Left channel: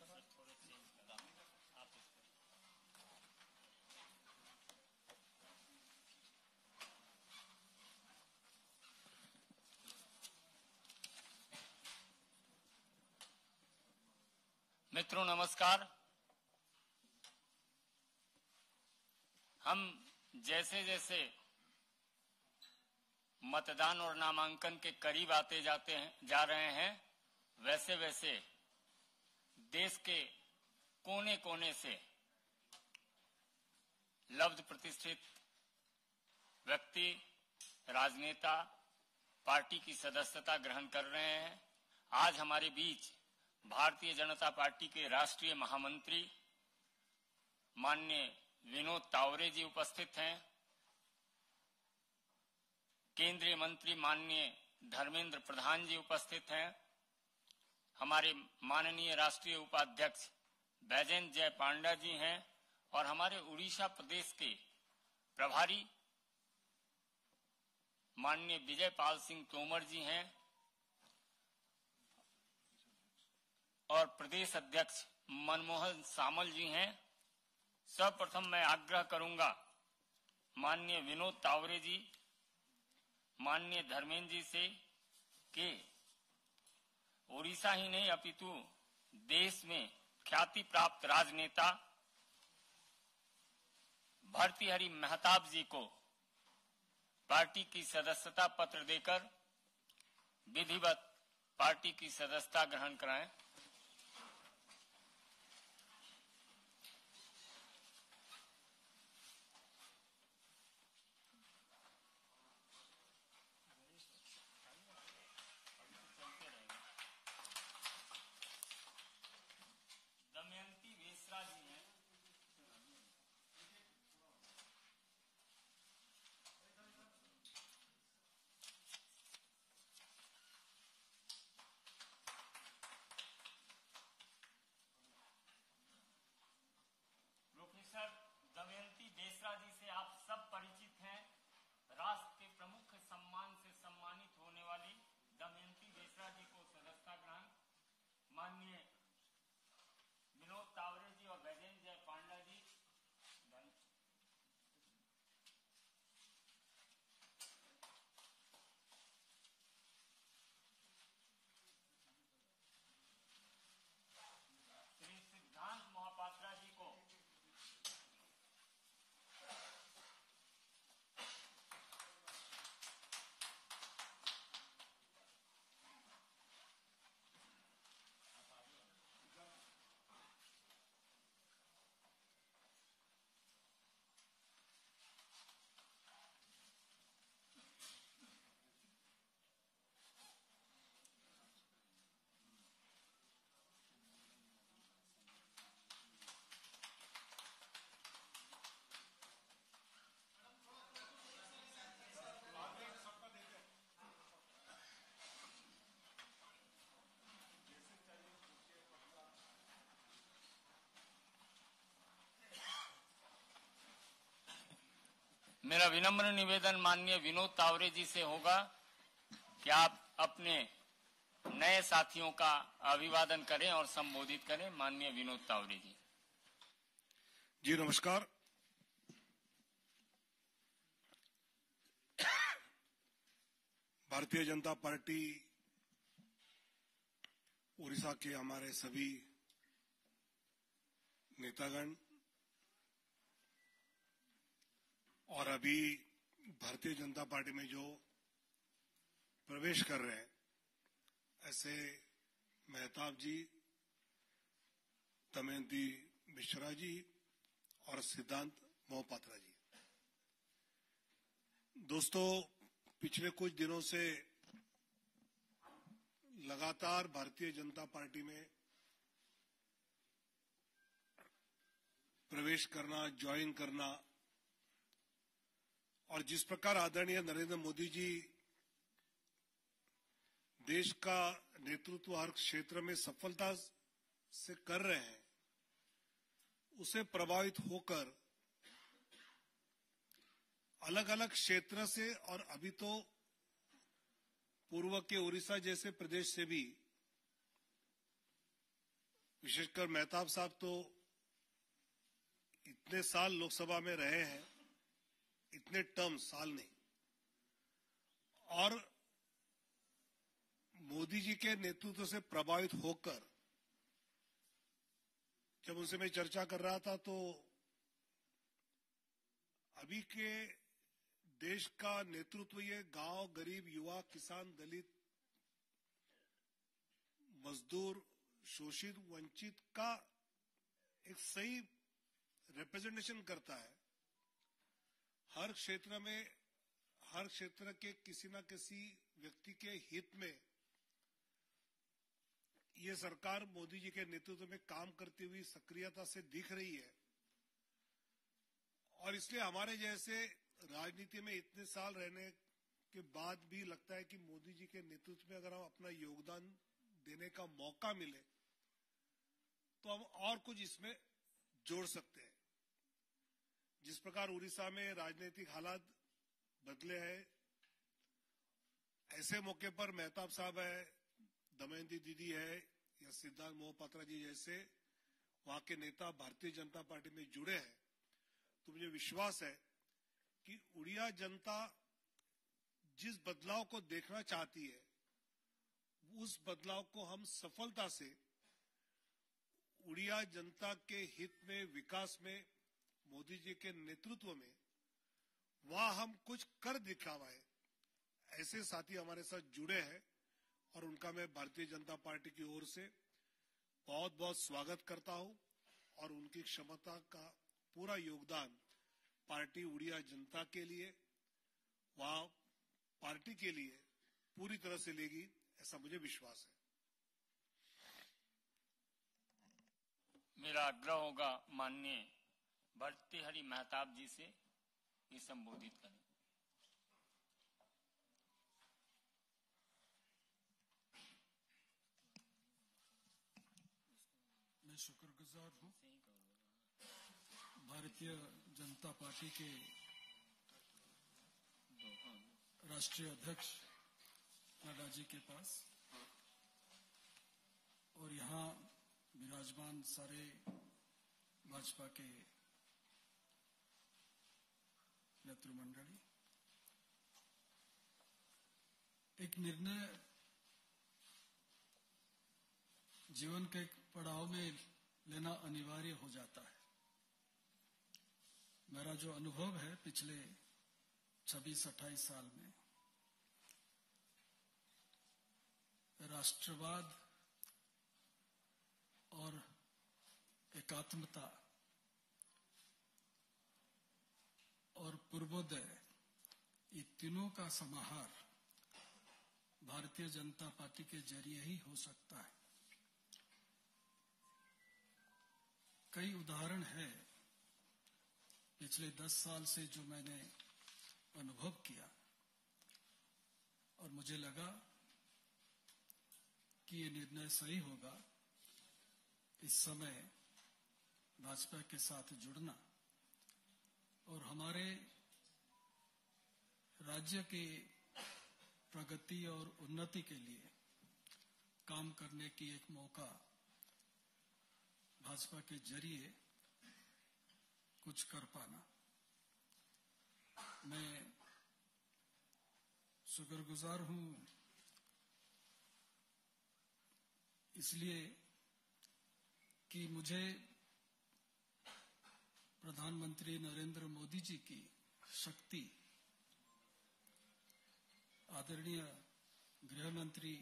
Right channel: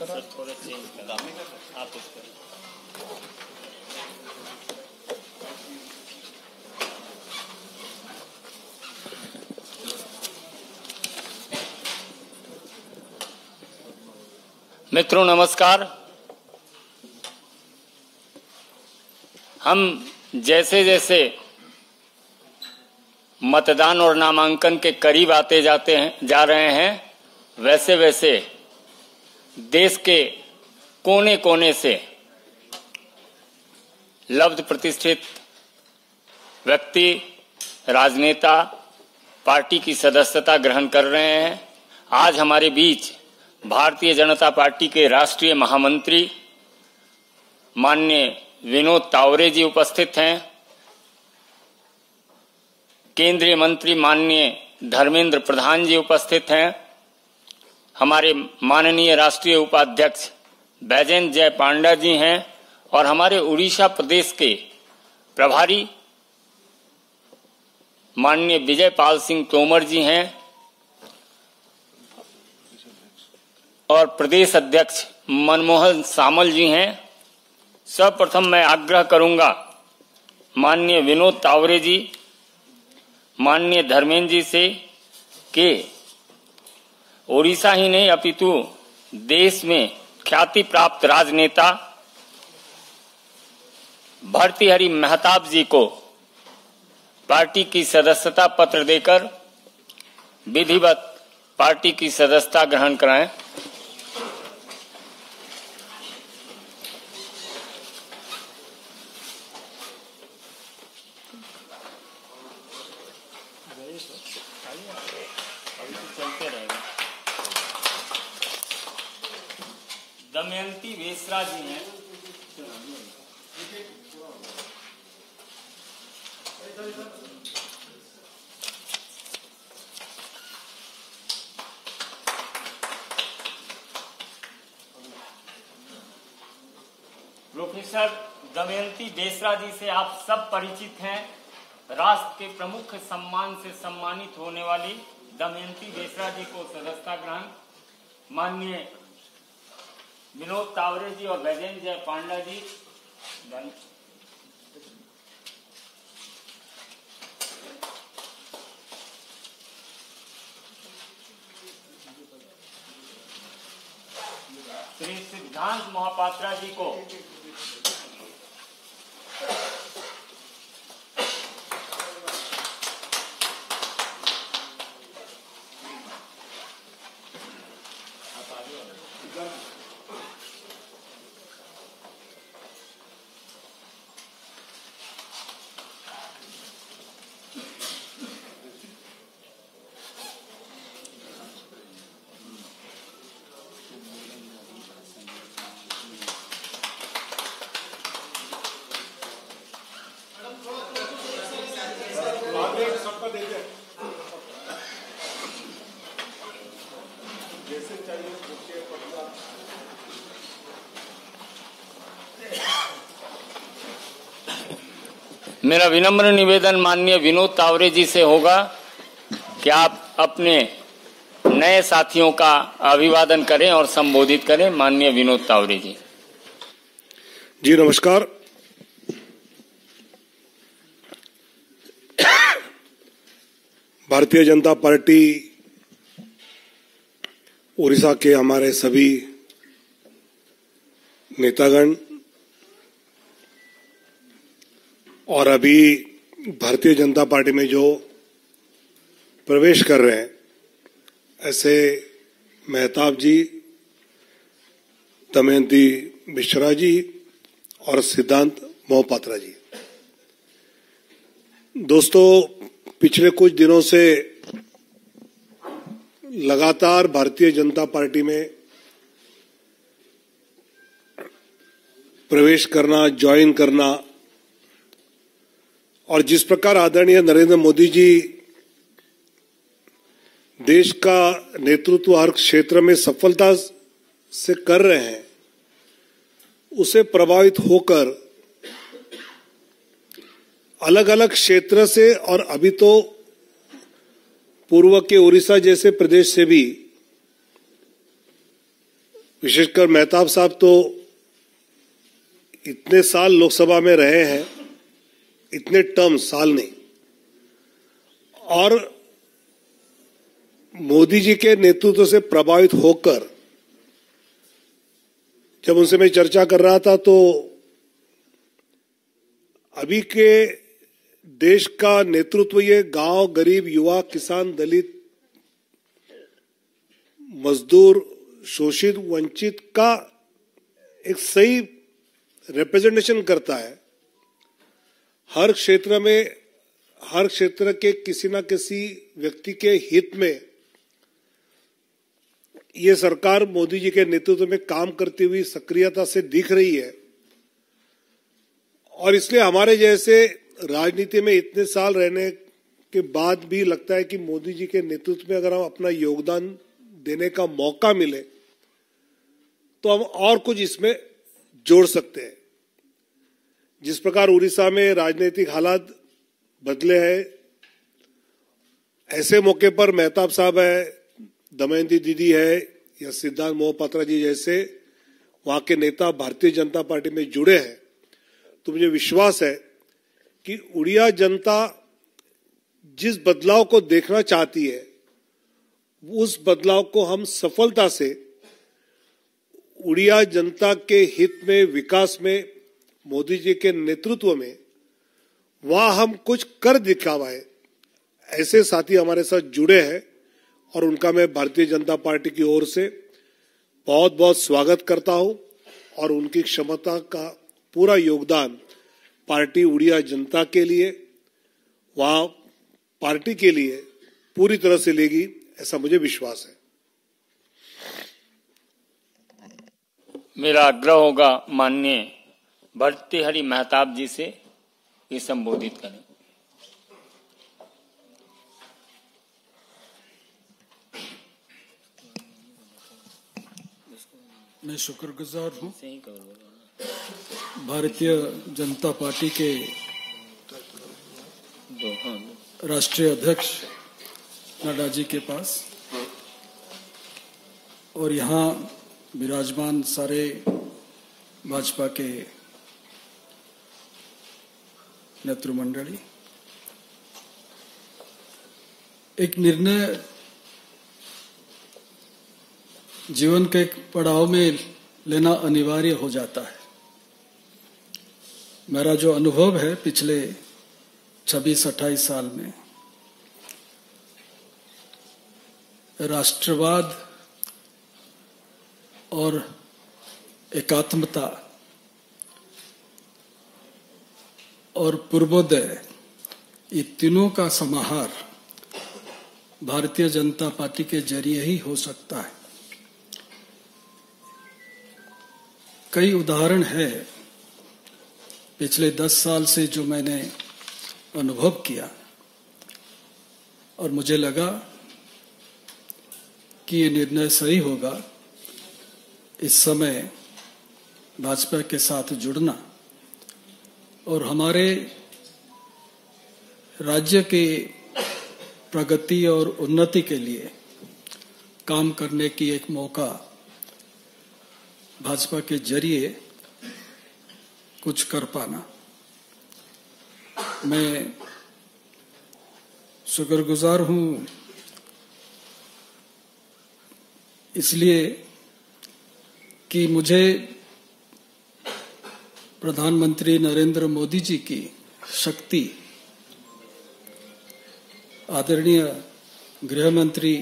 Sir थोड़ा change करा आप उसको। मित्रों नमस्कार। हम जैसे जैसे मतदान और नामांकन के करीब आते जा रहे हैं, वैसे वैसे देश के कोने कोने से लब्ध प्रतिष्ठित व्यक्ति, राजनेता पार्टी की सदस्यता ग्रहण कर रहे हैं। आज हमारे बीच भारतीय जनता पार्टी के राष्ट्रीय महामंत्री माननीय विनोद तावरे जी उपस्थित हैं। केंद्रीय मंत्री माननीय धर्मेंद्र प्रधान जी उपस्थित हैं। हमारे माननीय राष्ट्रीय उपाध्यक्ष बैजयंत जय पांडा जी हैं और हमारे उड़ीसा प्रदेश के प्रभारी माननीय विजय पाल सिंह तोमर जी हैं और प्रदेश अध्यक्ष मनमोहन सामल जी हैं। सर्वप्रथम मैं आग्रह करूंगा माननीय विनोद तावरे जी, माननीय धर्मेंद्र जी से कि ओडिशा ही नहीं अपितु देश में ख्याति प्राप्त राजनेता भर्तृहरि महताब जी को पार्टी की सदस्यता पत्र देकर विधिवत पार्टी की सदस्यता ग्रहण कराएं। दमयंती वेसरा जी हैं। प्रोफेसर दमयंती वेसरा जी से आप सब परिचित हैं। राष्ट्र के प्रमुख सम्मान से सम्मानित होने वाली दमयंती वेसरा जी को सदस्यता ग्रहण माननीय विनोद तावरे जी और बैजयंत जय पांडा जी। श्री सिद्धांत महापात्रा जी को मेरा विनम्र निवेदन माननीय विनोद तावरे जी से होगा कि आप अपने नए साथियों का अभिवादन करें और संबोधित करें। माननीय विनोद तावरे जी। जी नमस्कार। भारतीय जनता पार्टी उड़ीसा के हमारे सभी नेतागण और अभी भारतीय जनता पार्टी में जो प्रवेश कर रहे हैं, ऐसे महताब जी, दमयंती वेसरा जी और सिद्धांत महापात्रा जी। दोस्तों, पिछले कुछ दिनों से लगातार भारतीय जनता पार्टी में प्रवेश करना, ज्वाइन करना और जिस प्रकार आदरणीय नरेंद्र मोदी जी देश का नेतृत्व हर क्षेत्र में सफलता से कर रहे हैं, उसे प्रभावित होकर अलग अलग क्षेत्र से और अभी तो पूर्व के उड़ीसा जैसे प्रदेश से भी विशेषकर मेहताब साहब तो इतने साल लोकसभा में रहे हैं, इतने टर्म, साल नहीं, और मोदी जी के नेतृत्व से प्रभावित होकर जब उनसे मैं चर्चा कर रहा था तो अभी के देश का नेतृत्व ये गांव, गरीब, युवा, किसान, दलित, मजदूर, शोषित, वंचित का एक सही रिप्रेजेंटेशन करता है। हर क्षेत्र में, हर क्षेत्र के किसी न किसी व्यक्ति के हित में ये सरकार मोदी जी के नेतृत्व में काम करती हुई सक्रियता से दिख रही है। और इसलिए हमारे जैसे राजनीति में इतने साल रहने के बाद भी लगता है कि मोदी जी के नेतृत्व में अगर हम अपना योगदान देने का मौका मिले तो हम और कुछ इसमें जोड़ सकते हैं। जिस प्रकार उड़ीसा में राजनीतिक हालात बदले हैं, ऐसे मौके पर मेहताब साहब है, दमयंती दीदी है या सिद्धार्थ मोहपात्रा जी जैसे वहां के नेता भारतीय जनता पार्टी में जुड़े हैं, तो मुझे विश्वास है कि उड़िया जनता जिस बदलाव को देखना चाहती है उस बदलाव को हम सफलता से उड़िया जनता के हित में, विकास में, मोदी जी के नेतृत्व में वहां हम कुछ कर दिखावाए। ऐसे साथी हमारे साथ जुड़े हैं और उनका मैं भारतीय जनता पार्टी की ओर से बहुत बहुत स्वागत करता हूं और उनकी क्षमता का पूरा योगदान पार्टी उड़िया जनता के लिए, वहां पार्टी के लिए पूरी तरह से लेगी, ऐसा मुझे विश्वास है। मेरा आग्रह होगा माननीय भर्तृहरि मेहताब जी से ये संबोधित करें। मैं शुक्रगुजार हूँ भारतीय जनता पार्टी के राष्ट्रीय अध्यक्ष नड्डा जी के पास और यहाँ विराजमान सारे भाजपा के नेतृमंडली। एक निर्णय जीवन के एक पड़ाव में लेना अनिवार्य हो जाता है। मेरा जो अनुभव है पिछले 26-28 साल में, राष्ट्रवाद और एकात्मता और पूर्वोदय, ये तीनों का समाहार भारतीय जनता पार्टी के जरिए ही हो सकता है। कई उदाहरण है पिछले 10 साल से जो मैंने अनुभव किया और मुझे लगा कि ये निर्णय सही होगा इस समय भाजपा के साथ जुड़ना और हमारे राज्य के प्रगति और उन्नति के लिए काम करने की एक मौका भाजपा के जरिए कुछ कर पाना। मैं शुक्रगुजार हूँ इसलिए कि मुझे प्रधानमंत्री नरेंद्र मोदी जी की शक्ति, आदरणीय गृह मंत्री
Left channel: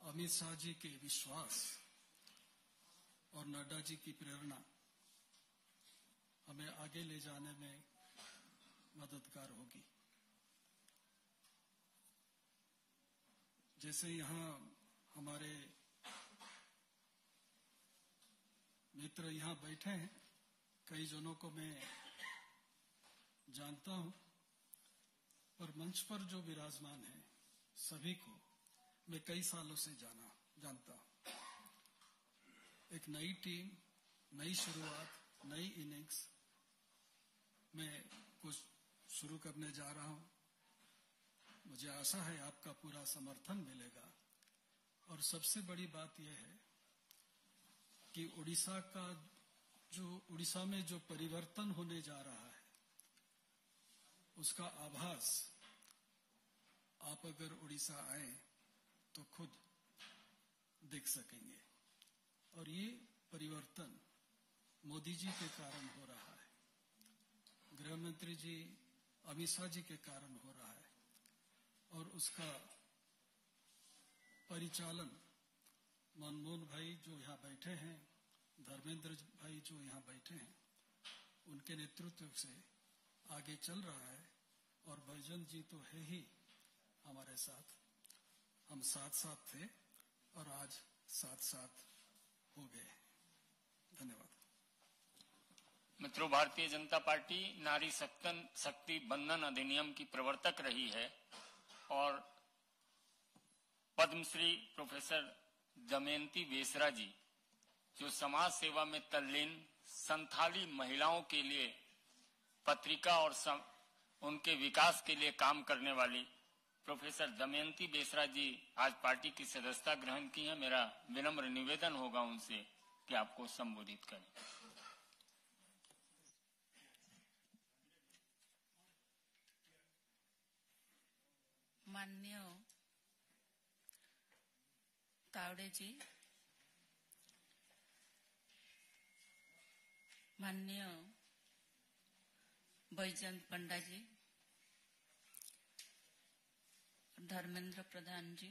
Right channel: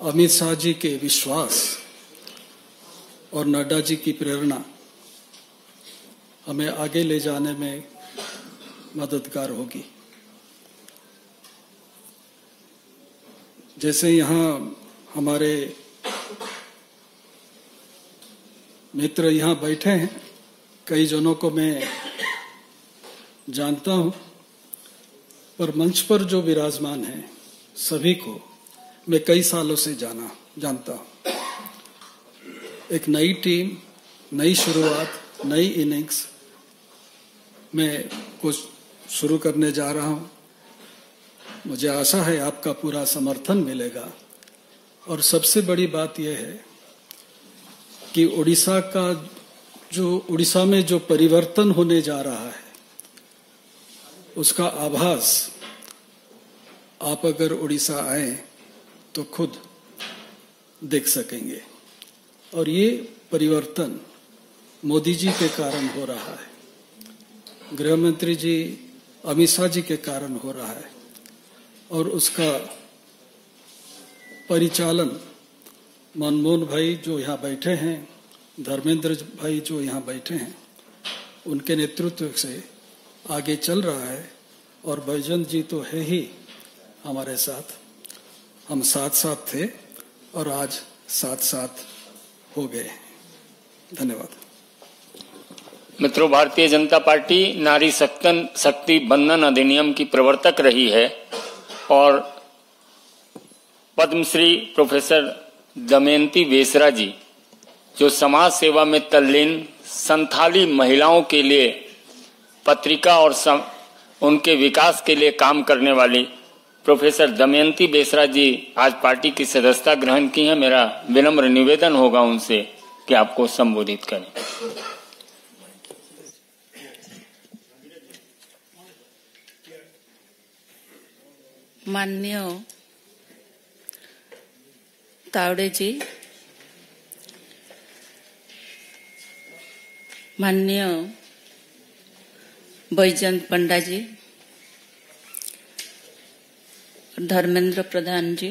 अमित शाह जी के विश्वास और नड्डा जी की प्रेरणा हमें आगे ले जाने में मददगार होगी। जैसे यहाँ हमारे मित्र यहाँ बैठे हैं, कई जनों को मैं जानता हूँ, पर मंच पर जो विराजमान हैं सभी को मैं कई सालों से जानता हूँ। एक नई टीम, नई शुरुआत, नई इनिंग्स में कुछ शुरू करने जा रहा हूँ। मुझे आशा है आपका पूरा समर्थन मिलेगा और सबसे बड़ी बात यह है कि उड़ीसा में जो परिवर्तन होने जा रहा है उसका आभास आप अगर उड़ीसा आए तो खुद देख सकेंगे। और ये परिवर्तन मोदी जी के कारण हो रहा है, गृह मंत्री जी अमित शाह जी के कारण हो रहा है, और उसका परिचालन मनमोहन भाई जो यहाँ बैठे हैं, धर्मेंद्र भाई जो यहाँ बैठे हैं, उनके नेतृत्व से आगे चल रहा है। और बैजंत जी तो है ही हमारे साथ, हम साथ साथ थे और आज साथ साथ हो गए। धन्यवाद। मित्रों, भारतीय जनता पार्टी नारी शक्ति बंधन अधिनियम की प्रवर्तक रही है और पद्मश्री प्रोफेसर दमयंती बेसरा जी जो समाज सेवा में तल्लीन संथाली महिलाओं के लिए पत्रिका और उनके विकास के लिए काम करने वाली प्रोफेसर दमयंती बेसरा जी आज पार्टी की सदस्यता ग्रहण की है। मेरा विनम्र निवेदन होगा उनसे कि आपको संबोधित करें। माननीय तावड़े जी, माननीय बैजंत पंडा जी, धर्मेंद्र प्रधान जी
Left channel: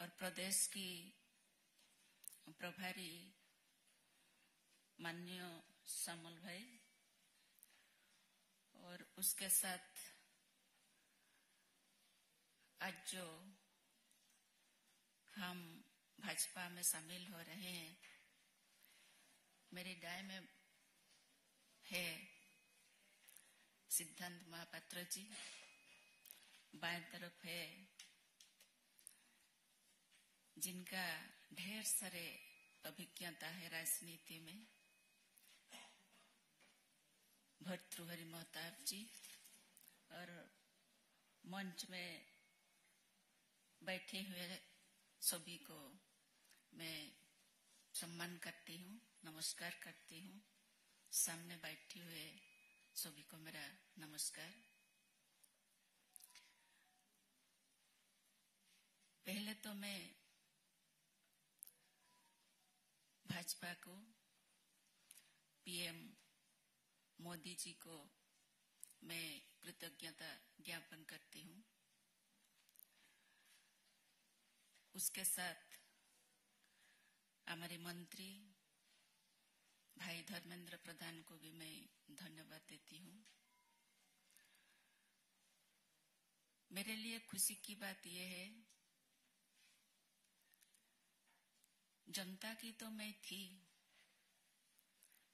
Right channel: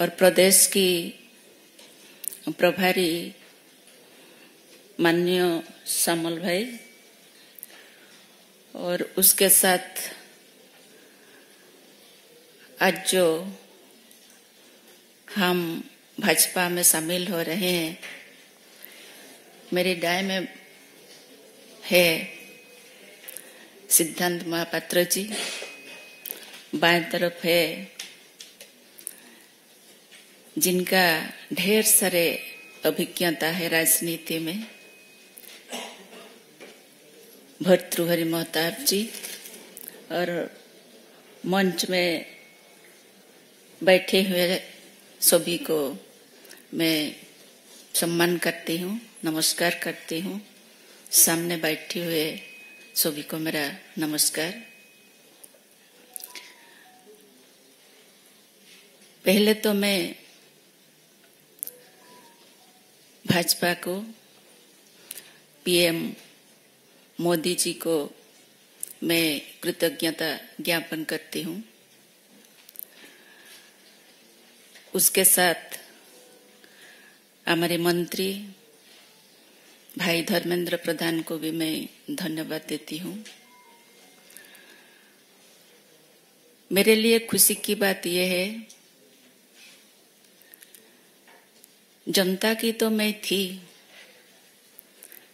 और प्रदेश की प्रभारी माननीय श्यामल भाई और उसके साथ आज जो हम भाजपा में शामिल हो रहे हैं, मेरे दाएं में है सिद्धांत महापात्र जी, बाएं तरफ है जिनका ढेर सारे अभिज्ञता है राजनीति में, भर्तृहरि महताब जी, और मंच में बैठे हुए सभी को मैं सम्मान करती हूँ, नमस्कार करती हूँ। सामने बैठे हुए सभी को मेरा नमस्कार। पहले तो मैं भाजपा को, पीएम मोदी जी को मैं कृतज्ञता ज्ञापन करती हूँ। उसके साथ हमारे मंत्री भाई धर्मेंद्र प्रधान को भी मैं धन्यवाद देती हूँ। मेरे लिए खुशी की बात यह है, जनता की तो मैं थी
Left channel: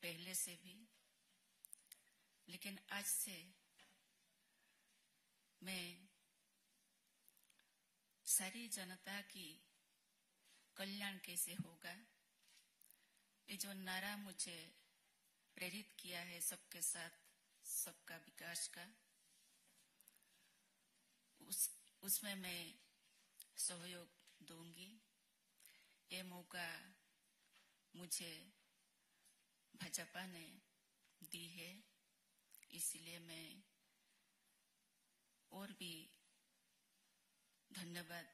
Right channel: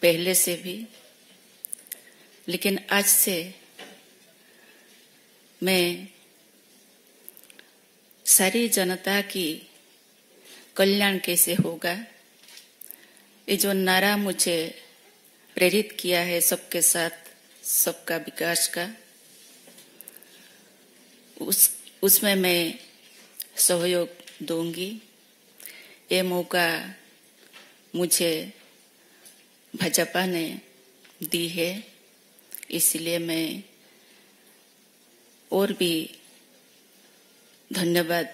पहले से भी, लेकिन आज से मैं सारी जनता की कल्याण कैसे होगा, ये जो नारा मुझे प्रेरित किया है सबके साथ सबका विकास का, उसमें मैं सहयोग दूंगी। ये मौका मुझे भाजपा ने दी है, इसलिए मैं और भी धन्यवाद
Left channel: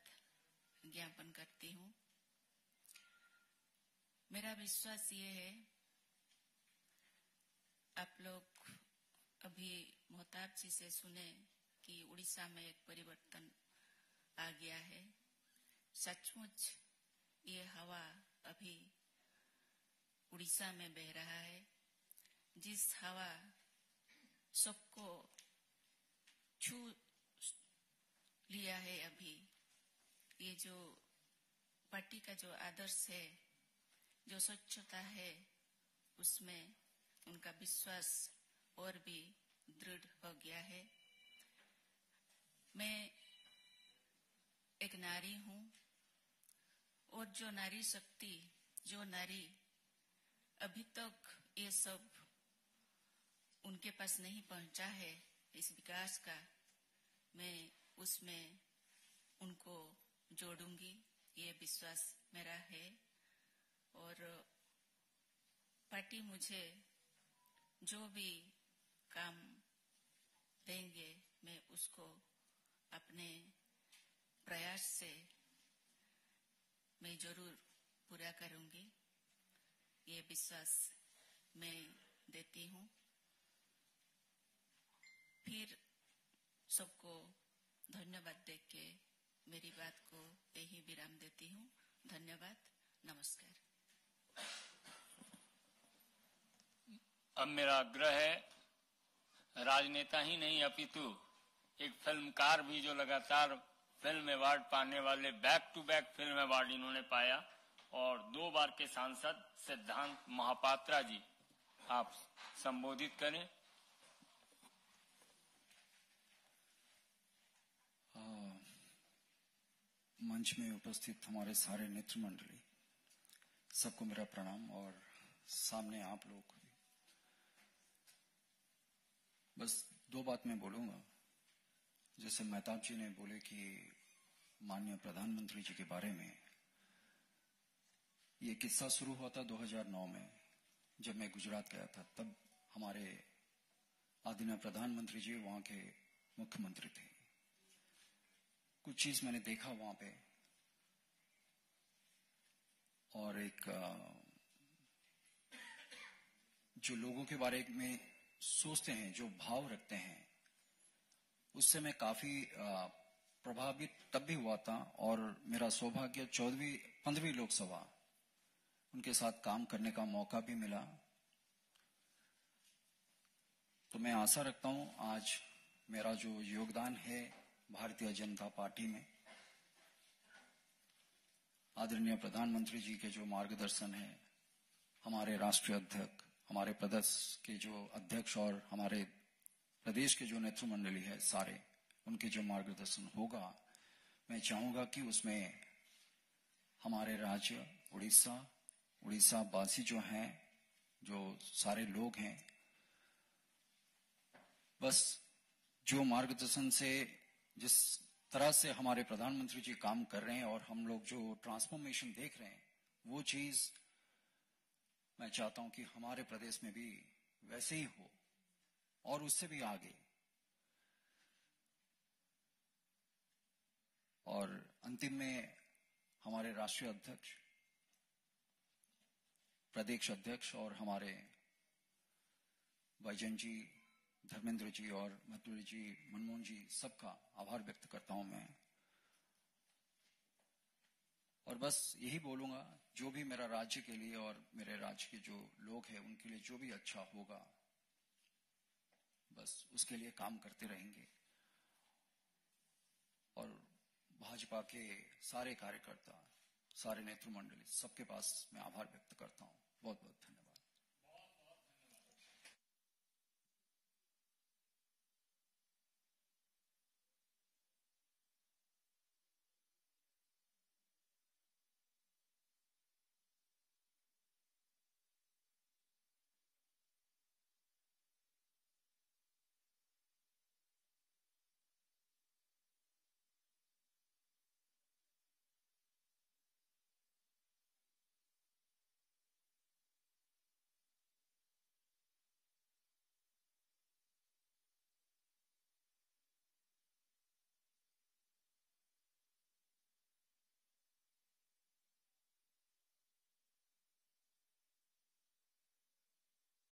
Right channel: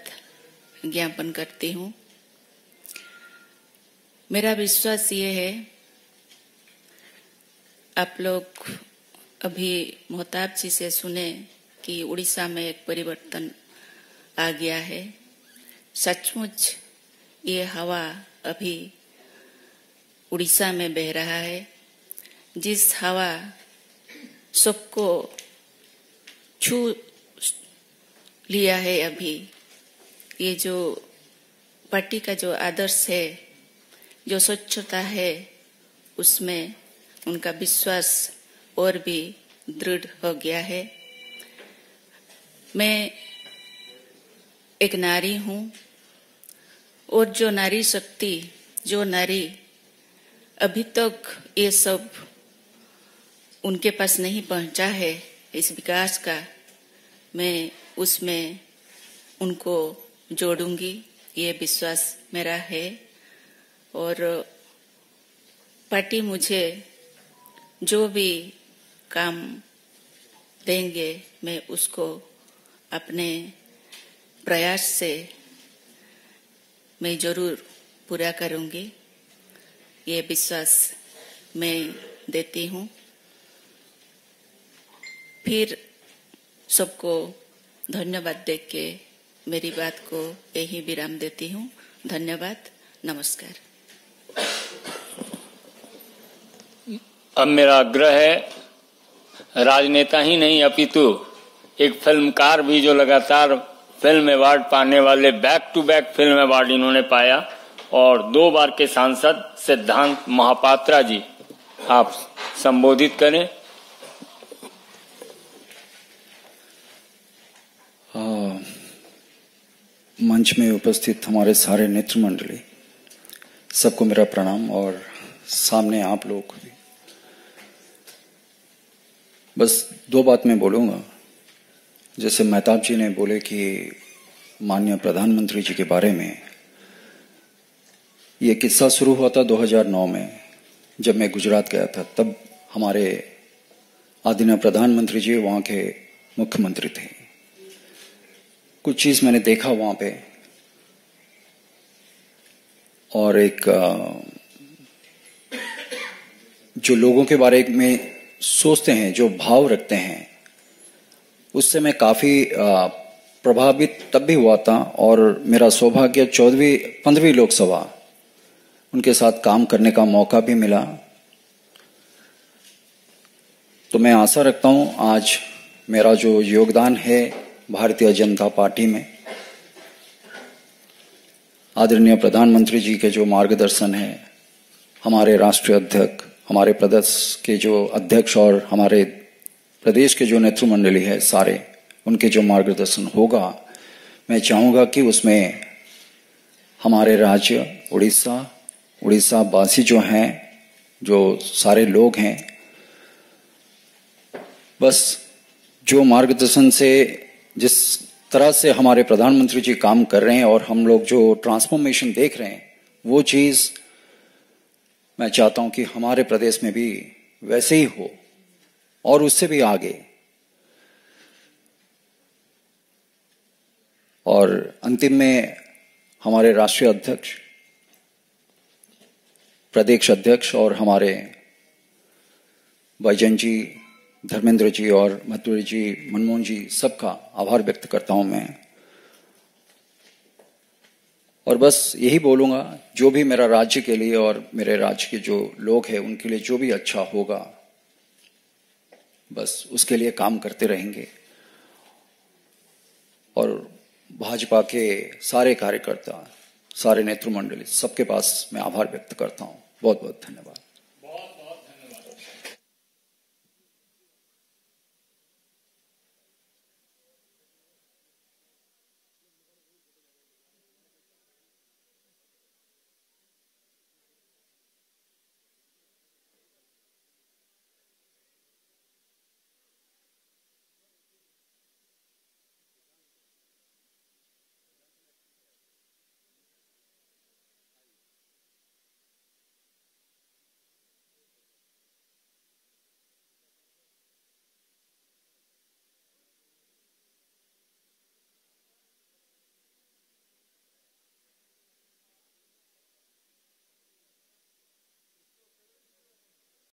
ज्ञापन करती हूँ। मेरा विश्वास ये है, आप लोग अभी महताब जी से सुने कि उड़ीसा में एक परिवर्तन आ गया है। सचमुच ये हवा अभी उड़ीसा में बह रहा है, जिस हवा सबको छू लिया है। अभी ये जो पार्टी का जो आदर्श है, जो स्वच्छता है, उसमें उनका विश्वास और भी दृढ़ हो गया है। मैं एक नारी हूँ और जो नारी शक्ति, जो नारी अभी तक ये सब उनके पास नहीं पहुंचा है, इस विकास का, मैं उसमें उनको जोड़ूंगी ये विश्वास मेरा है और पार्टी मुझे जो भी काम देंगे मैं उसको अपने प्रयास से मैं जरूर पूरा करूंगी, ये विश्वास मैं देती हूँ। फिर सबको धन्यवाद देके मेरी बात को यही विराम देती हूँ। धन्यवाद, नमस्कार। अब मेरा आग्रह है, राजनेता ही नहीं अपितु एक फिल्मकार भी जो लगातार फिल्म अवार्ड पाने वाले, back to back film award इन्होंने पाया, और 2 बार के सांसद सिद्धांत महापात्रा जी, आप संबोधित करें। मंच में उपस्थित हमारे सारे नेतृ मंडली, सबको मेरा प्रणाम, और सामने आप लोग भी। बस 2 बात मैं बोलूंगा। जैसे मेहताब जी ने बोले कि माननीय प्रधानमंत्री जी के बारे में, ये किस्सा शुरू हुआ था 2009 में जब मैं गुजरात गया था। तब हमारे आदरणीय प्रधानमंत्री जी वहाँ के मुख्यमंत्री थे। कुछ चीज मैंने देखा वहां पे, और एक जो लोगों के बारे में सोचते हैं, जो भाव रखते हैं, उससे मैं काफी प्रभावित तब भी हुआ था। और मेरा सौभाग्य 15वीं लोकसभा उनके साथ काम करने का मौका भी मिला। तो मैं आशा रखता हूं आज मेरा जो योगदान है भारतीय जनता पार्टी में, आदरणीय प्रधानमंत्री जी के जो मार्गदर्शन है, हमारे राष्ट्रीय अध्यक्ष, हमारे प्रदेश के जो अध्यक्ष और हमारे प्रदेश के जो नेतृ मंडली है सारे, उनके जो मार्गदर्शन होगा, मैं चाहूंगा कि उसमें हमारे राज्य उड़ीसा वासी जो हैं, जो सारे लोग हैं, बस जो मार्गदर्शन से, जिस तरह से हमारे प्रधानमंत्री जी काम कर रहे हैं और हम लोग जो ट्रांसफॉर्मेशन देख रहे हैं, वो चीज मैं चाहता हूं कि हमारे प्रदेश में भी वैसे ही हो और उससे भी आगे। और अंतिम में हमारे राष्ट्रीय अध्यक्ष, प्रदेश अध्यक्ष और हमारे बैजन जी, धर्मेंद्र जी और मथुरी जी, मनमोहन जी, सबका आभार व्यक्त करता हूं मैं। और बस यही बोलूंगा, जो भी मेरा राज्य के लिए और मेरे राज्य के जो लोग हैं उनके लिए जो भी अच्छा होगा, बस उसके लिए काम करते रहेंगे। और भाजपा के सारे कार्यकर्ता, सारे नेतृ मंडली, सबके पास मैं आभार व्यक्त करता हूं। बहुत बहुत धन्यवाद।